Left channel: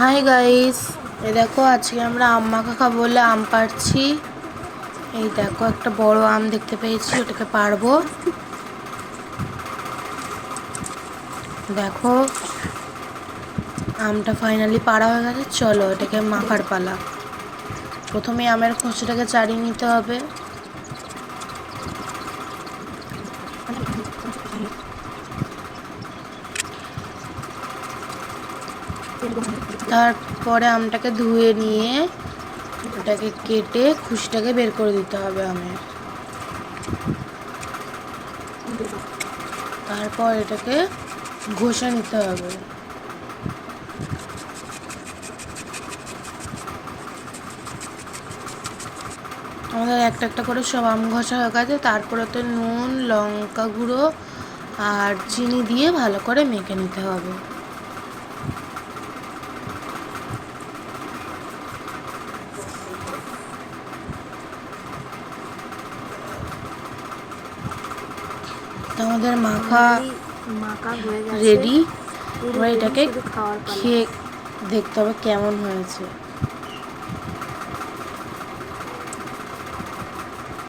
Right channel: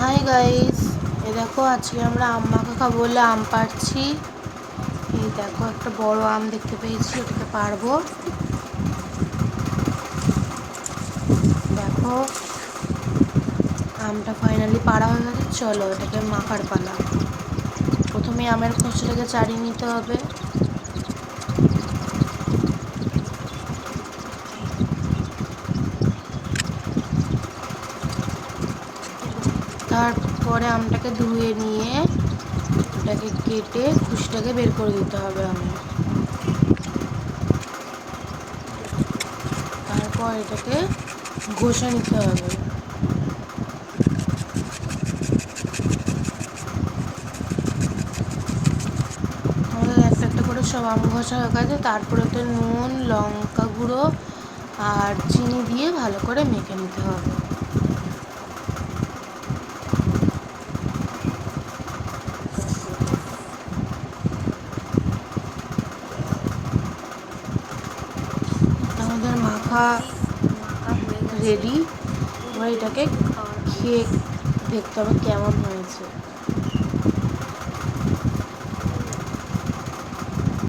Hi guys, এ দেখো আজকে আমরা আম মাখা খাবো বলে আম পাড়ছি। এই দেখো একটা বড় আম দেখতে পেয়েছি, ওটাকে পারবো। দেখো আমটা ফাইনালি পাড়া হয়ে গেছে, চলো এটাকে মাখার পালা। প্রথমে আমের খোসাটাকে ছাড়িয়ে নিতে হবে। তারপরে আমটাকে ধুয়ে নিয়ে ওটাকে কেটে খুশিটাকে বের করে দিতে হবে আমের। তারপর এটাকে ঘষে নিতে হবে। আমাদের একটা একটা করে সব আম ঘষা হয়ে গেছে। তারপরে তো নুন, লঙ্কা গুঁড়ো আর চিনি দিয়ে ভালো করে মেখে নিতে হবে। আমাদের মাখা হয়ে গেছে। রেডি। এবার এটাকে খেয়ে দেখতে হবে কেমন হয়েছে।